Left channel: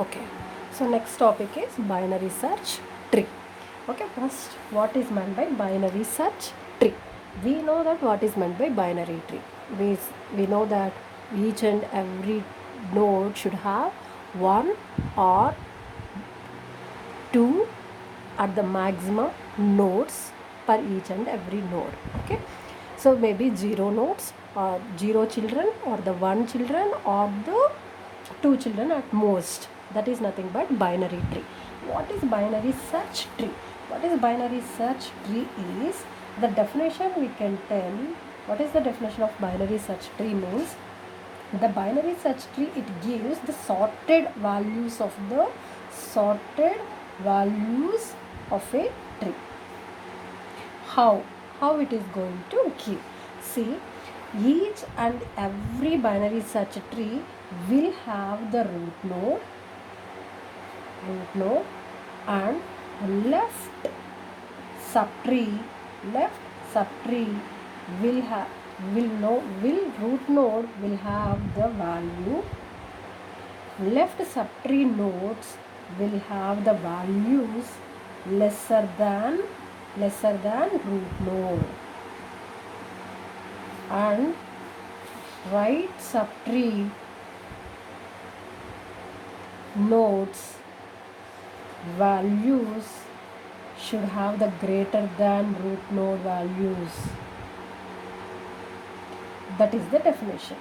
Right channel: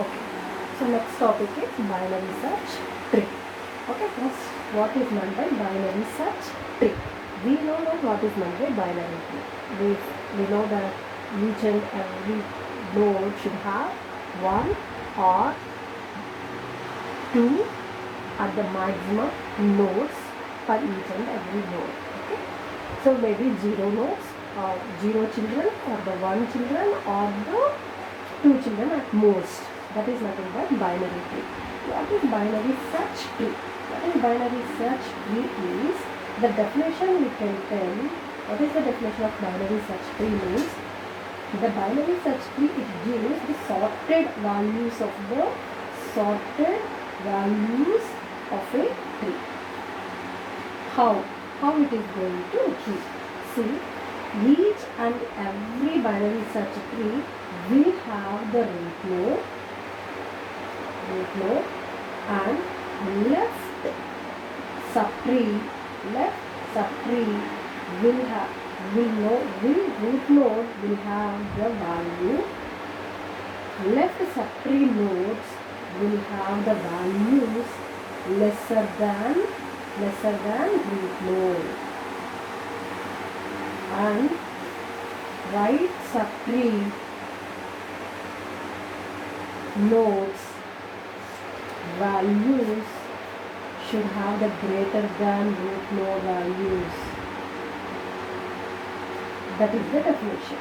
Okay, so next topic is binary search tree. Okay, first, what is meant by binary search tree? We know that what is meant by binary tree. We know that each and every node should have one or two at the maximum nodes per each and every node. Okay, so maybe zero nodes or zero children or the one children or the two children at most. That is nothing but binary tree. What is binary search tree? What is binary search tree is the definition we can tell. What is the definition of binary search tree means? The binary search tree, it gives the sorted values of a tree. How it is going to give? See, each and every binary search tree will have the root node and left subtree will root node will have the value, left subtree nodes will have the values lesser than root node, and right subtree nodes values should have the greater than root node values. That is the definition.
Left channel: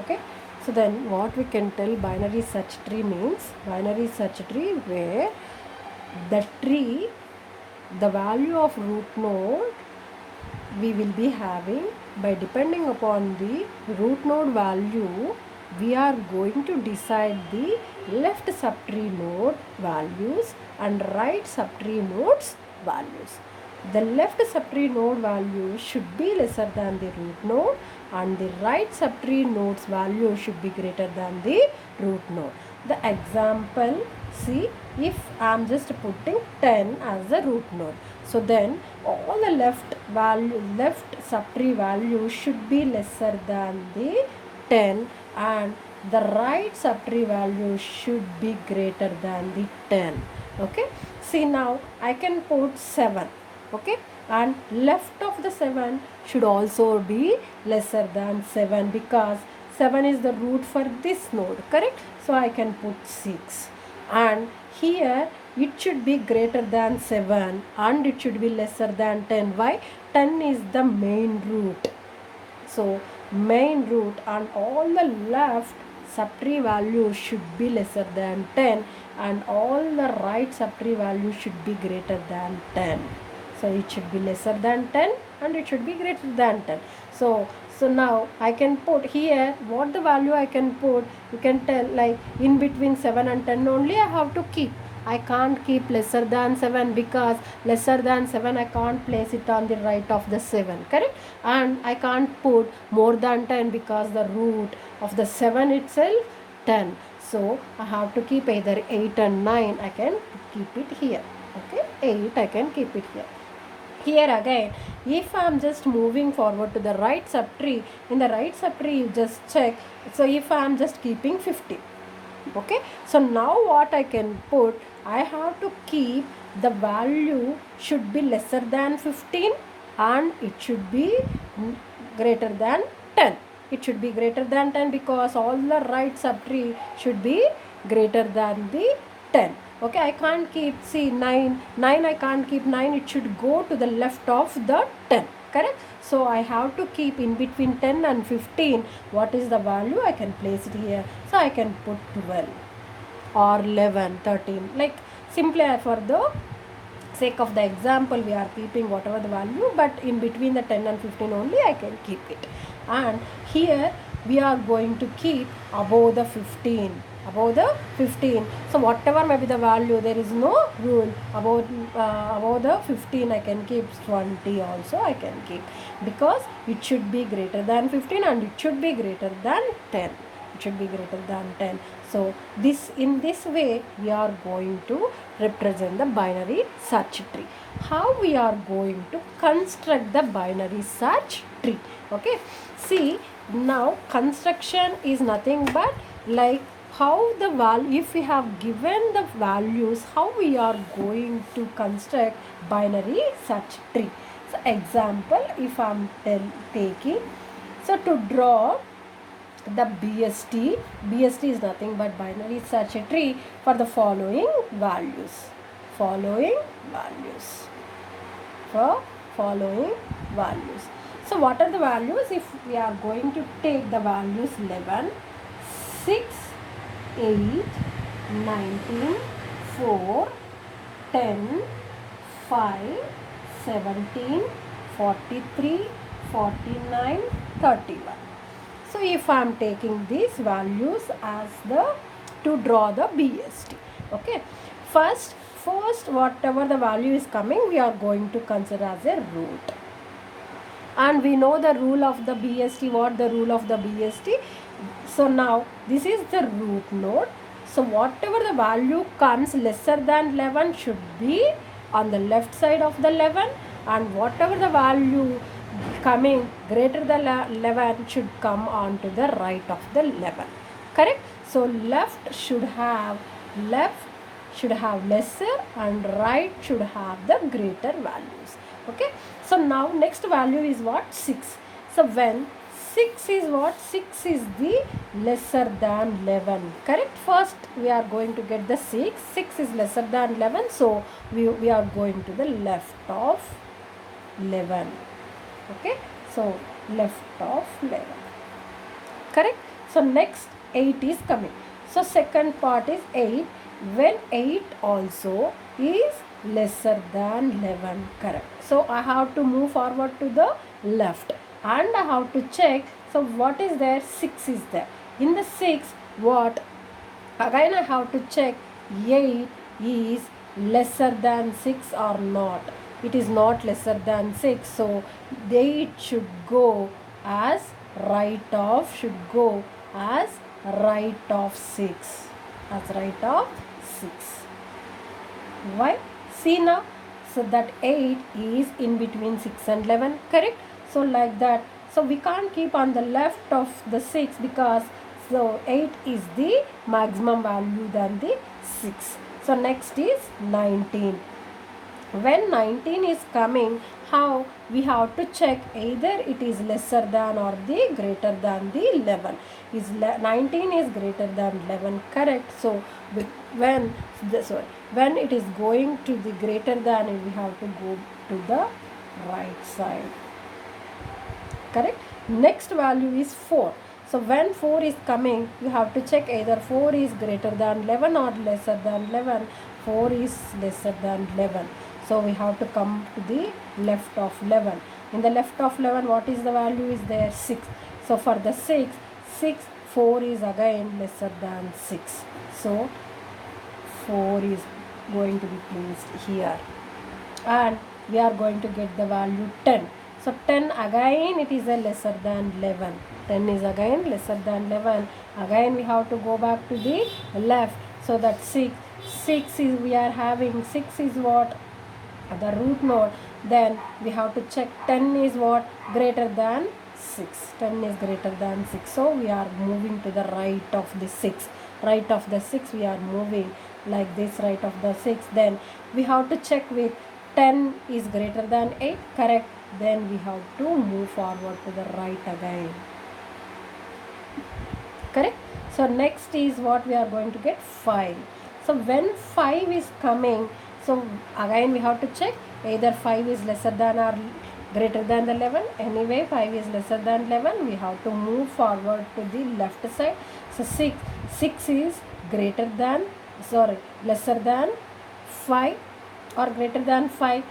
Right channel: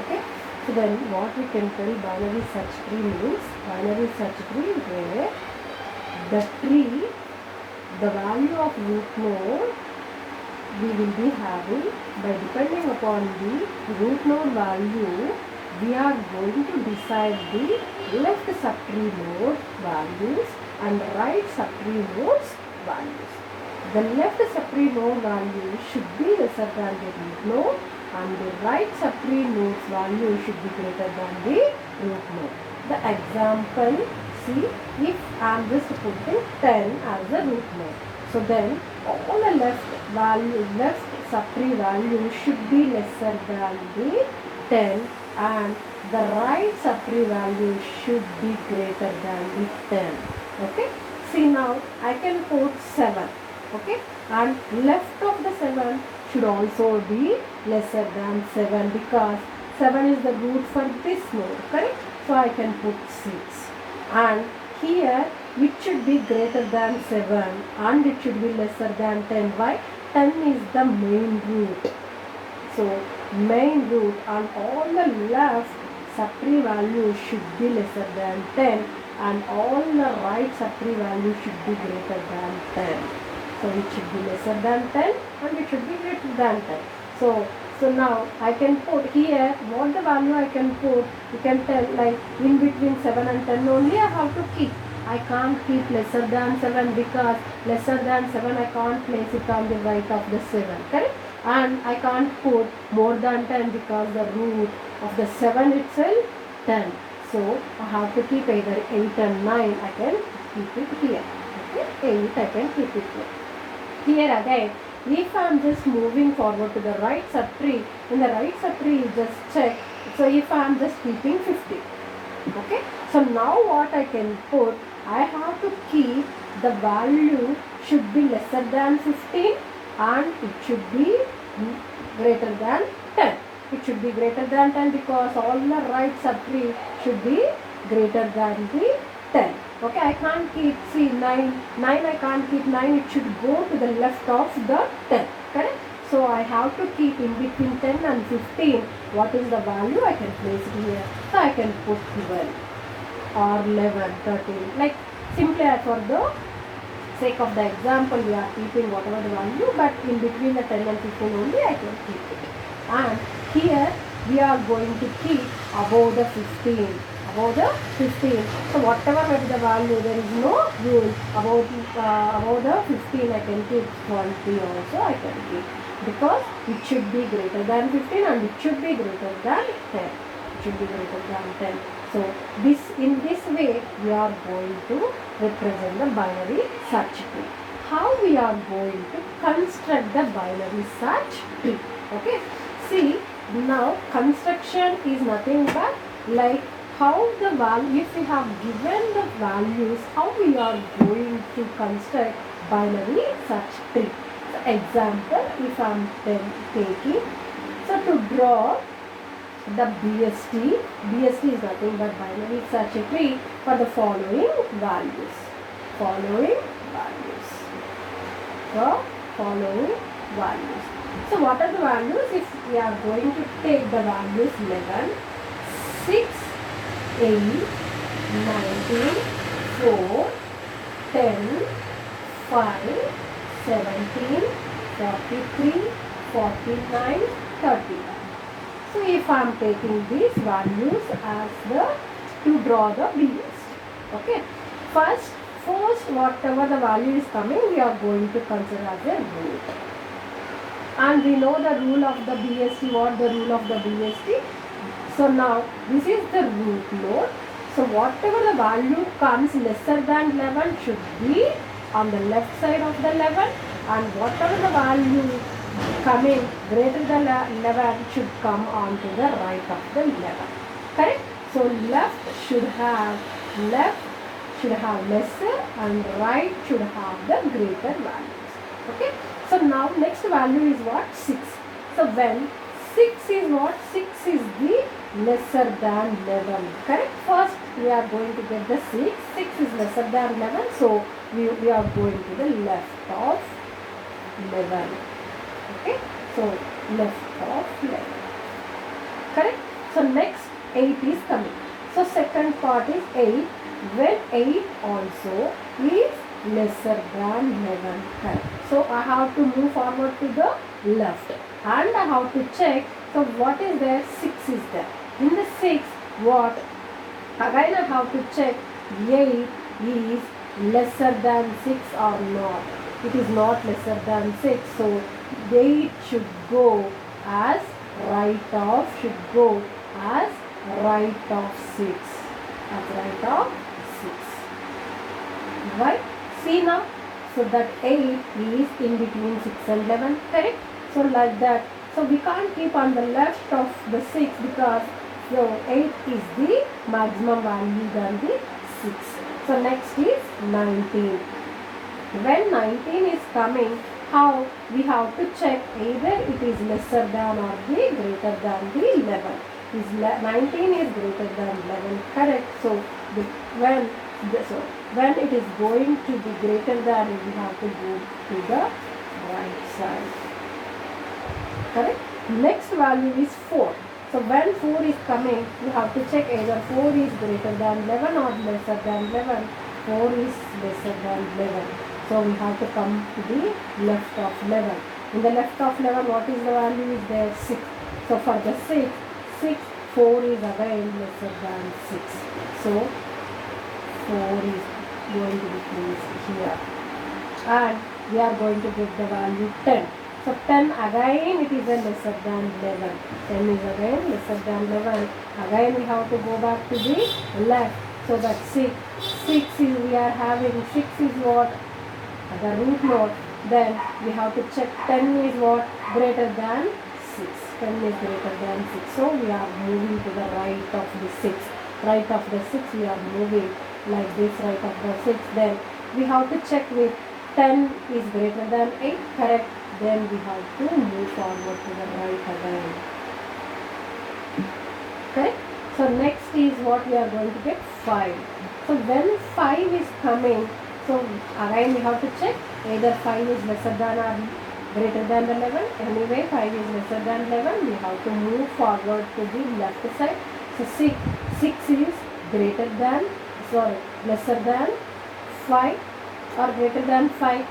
Okay, so then what we can tell binary search tree means? Binary search tree where the value of root node we will be having, by depending upon the root node value we are going to decide the left subtree node values and right subtree nodes values. The left subtree node value should be lesser than the root node and the right subtree node's value should be greater than the root node. The example, see, if I am just putting 10 as the root node, so then all the left subtree value should be lesser than the 10 and the right subtree value should be greater than the 10. Okay, see, now I can put 7. Okay, and left of the 7 should also be lesser than 7 because 7 is the root for this node, correct? So I can put 6, and here it should be greater than 7 and it should be lesser than 10. Why? 10 is the main root. So main root and all the left subtree value should be lesser than 10 and all the right subtree value should be greater than 10. So it should be lesser than 10 and it should be greater than 10. So now I can put here what the value I can put. You can tell, like in between 7 and 10 only I have to keep. I can't keep lesser than 7 because lesser than 7 I can't place it on the right of the 7, correct? And I can't put more than 10 because the root of the 7 itself 10. So I have to keep either 8 and 9. I can keep it here. Okay, 8 I can keep it here. Here again, if I am just moving forward to the right subtree, in the right subtree you just check. So if I am just keeping 50. Okay, so now what I can put, I have to keep the value should be lesser than 15 and it should be greater than 10. It should be greater than 10 because all the right subtree should be greater than the 10. Okay, I can't keep, see, 9 I can't keep 9, it should go to the left of the 10, correct? So I have to keep in between 10 and 15. What is the value? I can place it here. So I can put 12 or 11, 13. Like simply for the sake of the example we are keeping whatever the value, but in between the 10 and 15 only I can keep it. And here we are going to keep above the 15. Above the 15. So whatever may be the value, there is no rule. Above the 15 I can keep, 20 also I can keep, because it should be greater than 15 and it should be greater than 10. It should be greater than 10. So in this way we are going to represent the binary search tree. how we are going to construct the binary search tree. Okay, see, now construction is nothing but like how the value, if we have given the values, how we are going to construct binary search tree. So example, if I am taking, so to draw the BST is nothing but binary search tree for the following values. Following values. For following values. So what are the values? If we are going to take the values 11, 6, 8, 19, 4, 10, 5, 17, 43, 49, 31. So if I am taking these values as the to draw the BST. Okay. First whatever the value is coming, we are going to consider as a root. And we know the rule of the BST. What the rule of the BST? So now this is the root node. So whatever the value comes lesser than 11 should be on the left side of the 11, and whatever the value coming greater than 11 should come on to the right of the 11. Correct? So left should have lesser and right should have the greater values. Okay. So now next value is what? 6. So when 6 is what? 6 is the lesser than 11. Correct? First we are going to get the 6. 6 is lesser than 11. So we are going to the left of 11. Okay. So left of 11. Correct? So next 8 is coming. So second part is 8. When 8 also is lesser than 11. Correct. So I have to move forward to the left and I have to check. So what is there? 6 is there. In the 6, what? Again I have to check 8 is lesser than 6 or not. It is not lesser than 6. So 8 should go as right of 6. That's right of 6. Right? See now. So that 8 is in between 6 and 11. Correct? So like that. So we can't keep on the left of the 6 because so 8 is the maximum value than the 6. So next is 19. When 19 is coming, how we have to check either it is lesser than or the greater than the 11. 19 is greater than 11. Correct? So when it is going to the greater than, we have to go to the right side. Correct? Next value is 4. So when 4 is coming, you have to check either 4 is greater than 11 or lesser than 11. 4 is lesser than 11. So we have to come to the left of 11. In the left of 11, what is the value is there? 6. So for the 6, 4 is again lesser than 6. So 4 is going to be placed here. And we are going to get the value 10. So 10 again it is a lesser than 11. 10 is again lesser than 11. Again we have to go back to the left. So that 6 is, we are having 6 is what? The root node. Then we have to check 10 is what? Greater than 6. 10 is greater than 6. So we are moving to the right of the 6. Right of the 6 we are moving like this, right of the 6. Then we have to check with 10 is greater than 8. Correct. Then we have to move forward to the right again. Correct. So next is what we are going to get? 5. So when 5 is coming, so again we have to check either 5 is lesser than or greater than 11. Anyway 5 is lesser than 11. We have to move forward to the left side. So 6 is lesser than 5 or greater than 5.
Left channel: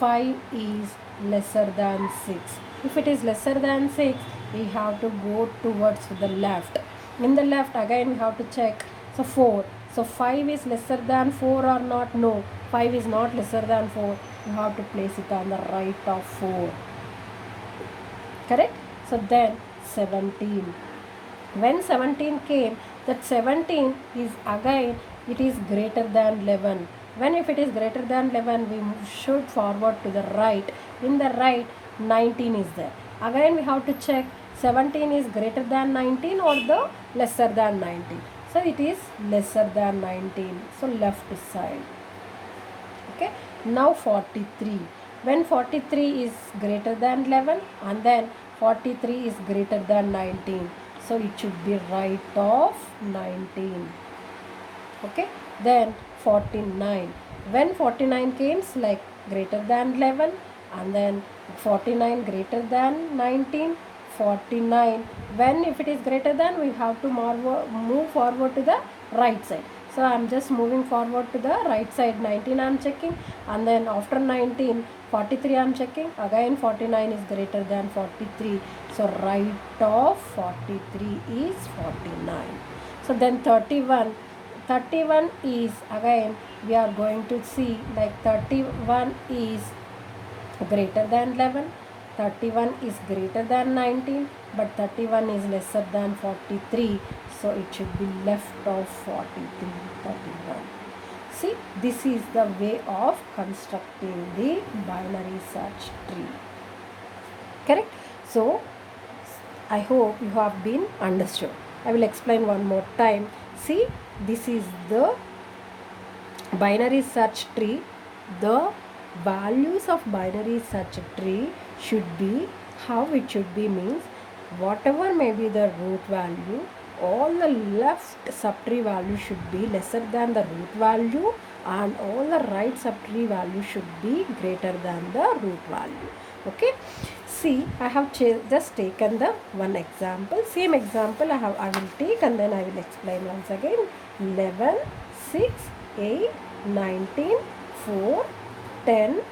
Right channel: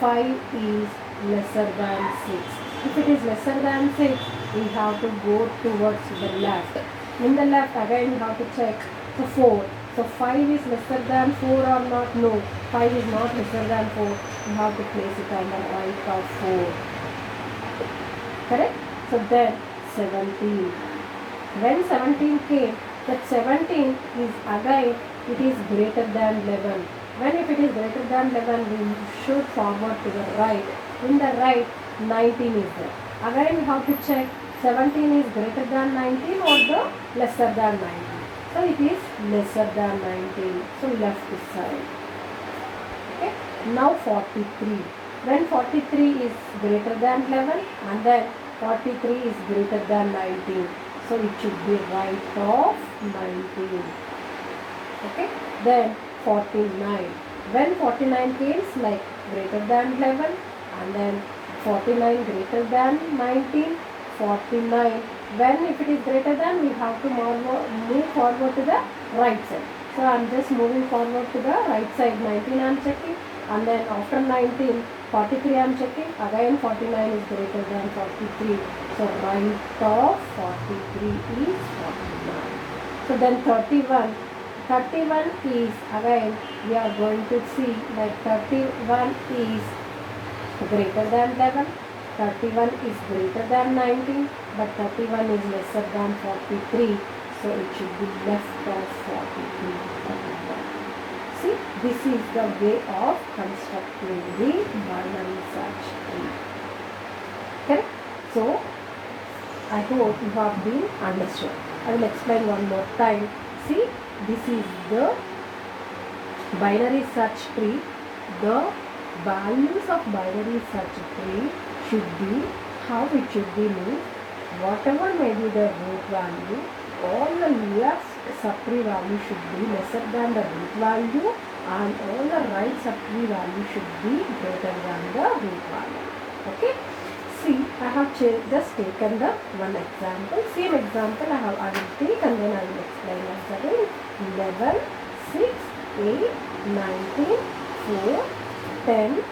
5 is lesser than 6. If it is lesser than 6, we have to go towards the left. In the left again we have to check. So 4. So 5 is lesser than 4 or not? No. 5 is not lesser than 4. You have to place it on the right of 4. Correct? So then 17. When 17 came, that 17 is again, it is greater than 11. When if it is greater than 11, we should forward to the right. In the right, 19 is there. Again we have to check 17 is greater than 19 or the lesser than 19. So it is lesser than 19. So left side. Okay. Now 43. When 43 is greater than 11 and then 43 is greater than 19. So it should be right of 19. Okay. Then 49. When 49 comes like greater than 11 and then 49 greater than 19, 49. When if it is greater than, we have to move forward to the right side. So I am just moving forward to the right side. 19 I am checking, and then after 19, 43 I am checking. Again 49 is greater than 43. So right of 43 is 49. So then 31. 31 is, again we are going to see like 31 is greater than 11, 31 is greater than 19, but 31 is lesser than 43, so it should be left of 43. 31. See, this is the way of constructing the binary search tree. Correct? So I hope you have been understood. I will explain one more time. See, this is the binary search tree. The values of binary search tree should be, how it should be means, whatever may be the root value, all the left subtree value should be lesser than the root value and all the right subtree value should be greater than the root value. Okay. See, I have just taken the one example. Same example I will take and then I will explain once again. 11, 6, 8, 19, 4, 10,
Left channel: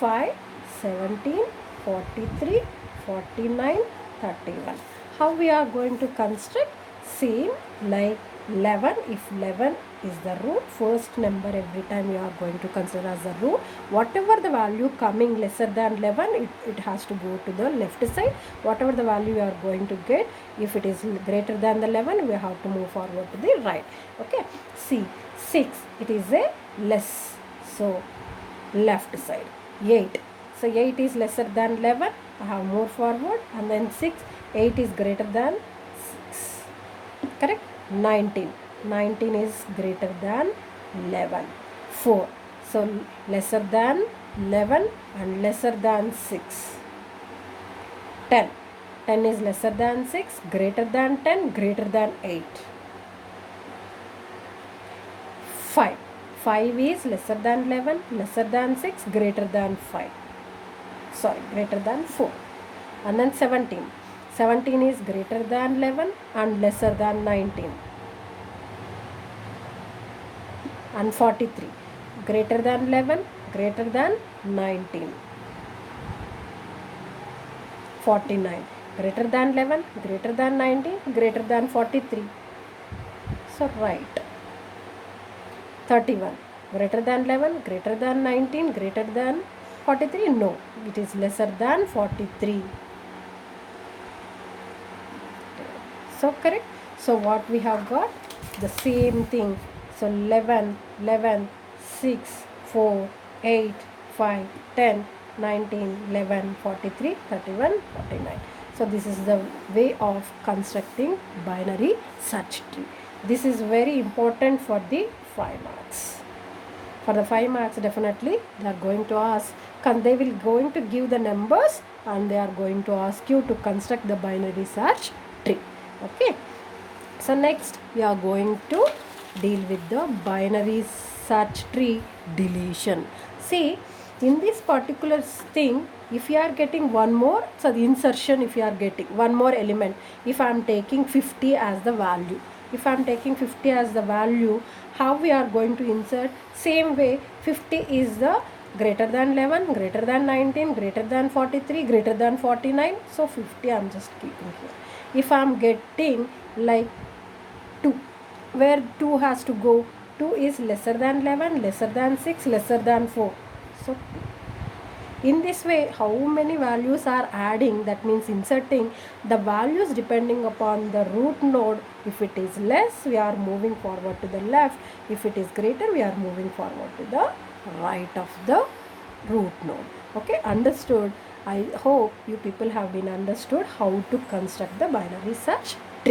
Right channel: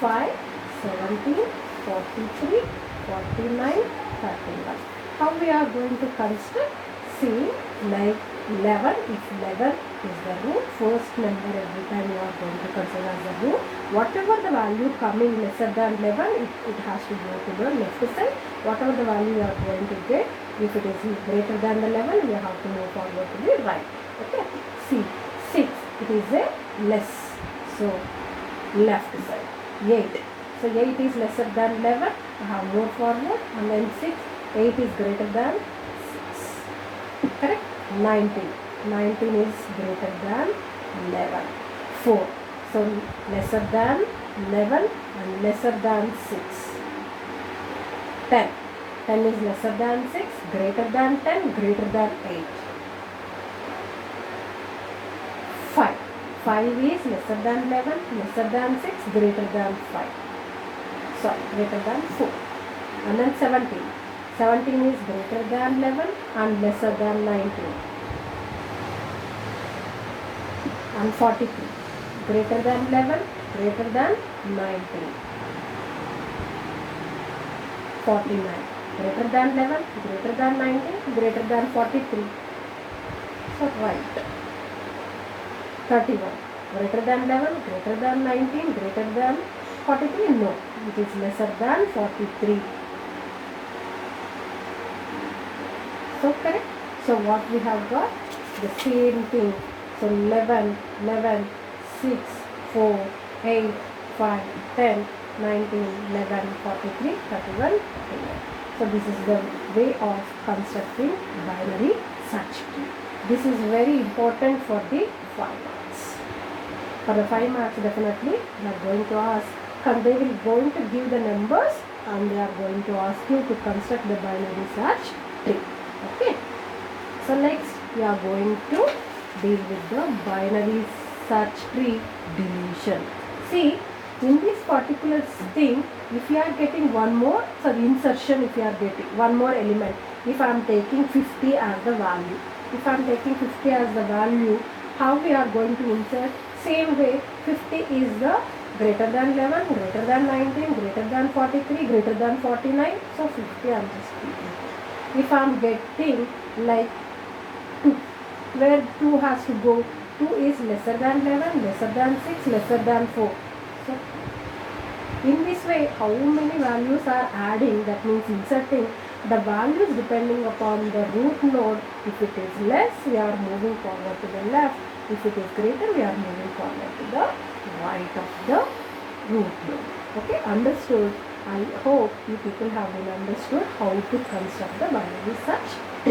5, 17, 43, 49, 31. How we are going to construct? Same like 11. If 11 is the root, first number every time you are going to consider as the root. Whatever the value coming lesser than 11, it has to go to the left side. Whatever the value you are going to get, if it is greater than the 11, we have to move forward to the right. Okay. See, 6, it is a less. So left side. 8. So 8 is lesser than 11. I have moved forward, and then 6. 8 is greater than 6. Correct? 19. 19 is greater than 11. 4. So lesser than 11 and lesser than 6. 10. 10 is lesser than 6, greater than 10, greater than 8. 5. 5 is lesser than 11, lesser than 6, greater than 5. Sorry, greater than 4. And then 17. 17 is greater than 11 and lesser than 19. And 43. Greater than 11, greater than 19. 49. Greater than 11, greater than 19, greater than 43. So right. 31. Greater than 11, greater than 19, greater than 43? No, it is lesser than 43. So correct. So what we have got? The same thing. So 11, 11, 6, 4, 8, 5, 10, 19, 11, 43, 31, 49. So this is the way of constructing binary search tree. This is very important for the 5 marks. For the 5 marks, definitely they are going to ask, they will going to give the numbers and they are going to ask you to construct the binary search tree. Okay. So next we are going to deal with the binary search tree deletion. See, in this particular thing, if you are getting one more, so the insertion, if you are getting one more element, if I am taking 50 as the value, if I am taking 50 as the value, how we are going to insert? Same way, 50 is the greater than 11, greater than 19, greater than 43, greater than 49. So 50 I am just keeping. If I am getting like 2, where 2 has to go? 2 is lesser than 11, lesser than 6, lesser than 4. So in this way, how many values are adding? That means inserting the values depending upon the root node. If it is less, we are moving forward to the left. If it is greater, we are moving forward to the right of the root node. Okay, understood? I hope you people have been understood how to construct the binary search tree.